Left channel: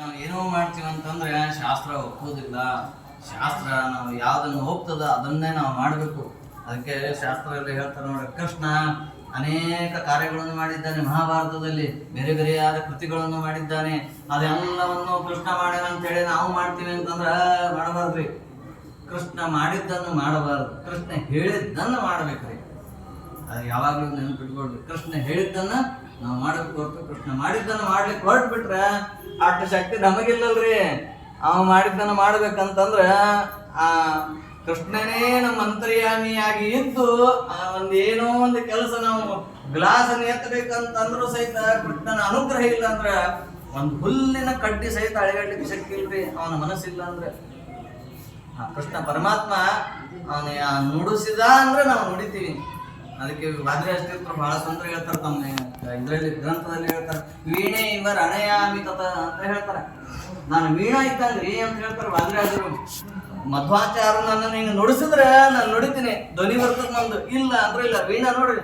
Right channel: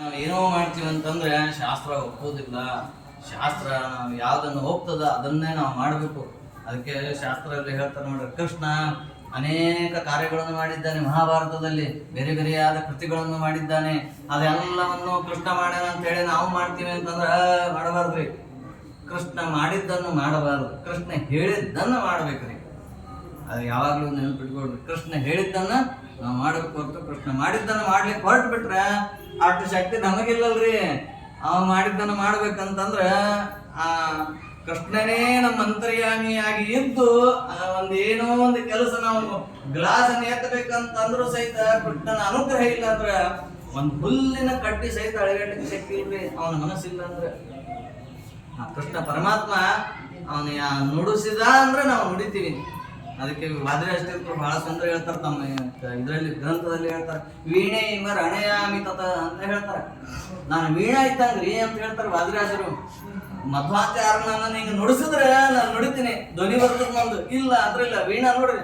ನಾವು ಏನೋ ಮಾಡ್ತೀವಿ ಅಂತಂದ್ರೆ ಶಾಸ್ತ್ರ ಒಪ್ಪೋದಿಲ್ಲ. ಶಾಸ್ತ್ರ ನಾವು ಯಾವುದನ್ನು ಒಪ್ತದ ಅದನ್ನೇ ನಾವು ಮಾಡಬೇಕು. ಅದಕ್ಕೆ ಶಾಸ್ತ್ರದಲ್ಲಿ ಹೇಳ್ತಾರೆ ನೋಡಿ, ಕೃಷ್ಣ ಅನೇಕ ಕಾರ್ಯಗಳನ್ನು ಮಾಡಿದ್ದಾನೆ. ಮಹಾಭಾರತದಲ್ಲಿ ಬೇರೆ ಬೇರೆಯಾದ ಕೃತಿಗಳನ್ನು ಮಾಡಿದ್ದಾನೆ. ಅದೆಲ್ಲವನ್ನು ಕೃಷ್ಣ ಮಾಡ್ಯಾನ ಅಂತೇಳಿ ನಾವು ಮಾಡ್ತೀವಿ ಅಂತಂದ್ರೆ ಮಾಡಬಾರ್ದ್ರಿ. ಕೃಷ್ಣ ಮಾಡಿದ್ದನ್ನು ಮಾಡಬಾರ್ದು, ಕೃಷ್ಣ ಹೇಳಿದ್ದನ್ನು ಮಾಡ್ಬೇಕ್ರಿ. ಅದು ಯಾವಾಗಲೂ ನೆನಪಿಟ್ಕೊಳ್ರಿ. ಕೃಷ್ಣ ಹೇಳಿದ್ದನ್ನು ನಾವು ಮಾಡಬೇಕು ಹೊರತು ಕೃಷ್ಣ ಮಾಡಿದ್ದನ್ನು ಮಾಡ್ಲಿಕ್ಕೆ ಹೊರಟು ಬಿಟ್ರೆ ಅಷ್ಟು ಶಕ್ತಿ ನಮಗಿಲ್ಲಲ್ರಿ. ಅವ ಮಾಡಿದ್ದನ್ನು ಮಾಡ್ಬೇಕಂತಂದ್ರೆ ಆ ಕೃಷ್ಣನೇ ನಮ್ಮ ಅಂತರ್ಯಾಮಿಯಾಗಿ ಇದ್ದು ಏನೋ ಒಂದು ಕೆಲಸ ನಾವು ಗ್ಲಾಸ್ ಎತ್ತಬೇಕಂತಂದ್ರೂ ಸಹಿತ ಕೃಷ್ಣನ ಅನುಗ್ರಹ ಇಲ್ಲ ಅಂದ್ರೆ ಒಂದು ಹುಲ್ಲಿನ ಕಡ್ಡಿ ಸಹಿತ ಅಳೆಗಡ್ಲಿಕ್ಕೆ ಶಕ್ತಿ ಇಲ್ರಿ. ಅವನ ಮನಸ್ಸಿಲ್ಲ ಅಂದ್ರೆ ಕೃಷ್ಣ ಪರಮಾತ್ಮ ಅವನ ನುಡಿಸಿದ ಅಂದ್ರೆ ನಾವು ನುಡಿತೀವಿ. ಅದಕ್ಕೆ ವಾದಿರಾಜತೀರ್ಥರು ಬಹಳ ಸುಂದರ ಹೇಳ್ತಾರೆ. ತಮ್ಮ ಇದರಲ್ಲಿ ಗ್ರಂಥದಲ್ಲಿ ಹೇಳ್ತಾರೆ, ವೀಣೆ ಇವರ ಅಣಯಾಮಿ ತತ ಅಂತ ಹೇಳ್ತಾರೆ. ನಾನು ವೀಣಾ ಇದ್ದಂಗ್ರಿ ಅಂತ ಹೇಳ್ತಾರೆ ವಾದಿರಾಜರು. ಮಧ್ವಾಚಾರ್ಯ ನನ್ನನ್ನು ಹಿಂಗೆ ನುಡಿಸಿದ್ರೆ ನಾನು ನುಡಿತೀನಿ, ಧ್ವನಿ ಬರ್ತದೆ ನಂದು. ಇಲ್ಲ ಅಂದ್ರೆ ಇಲ್ಲ. ವೀಣಾ ನೋಡ್ರಿ,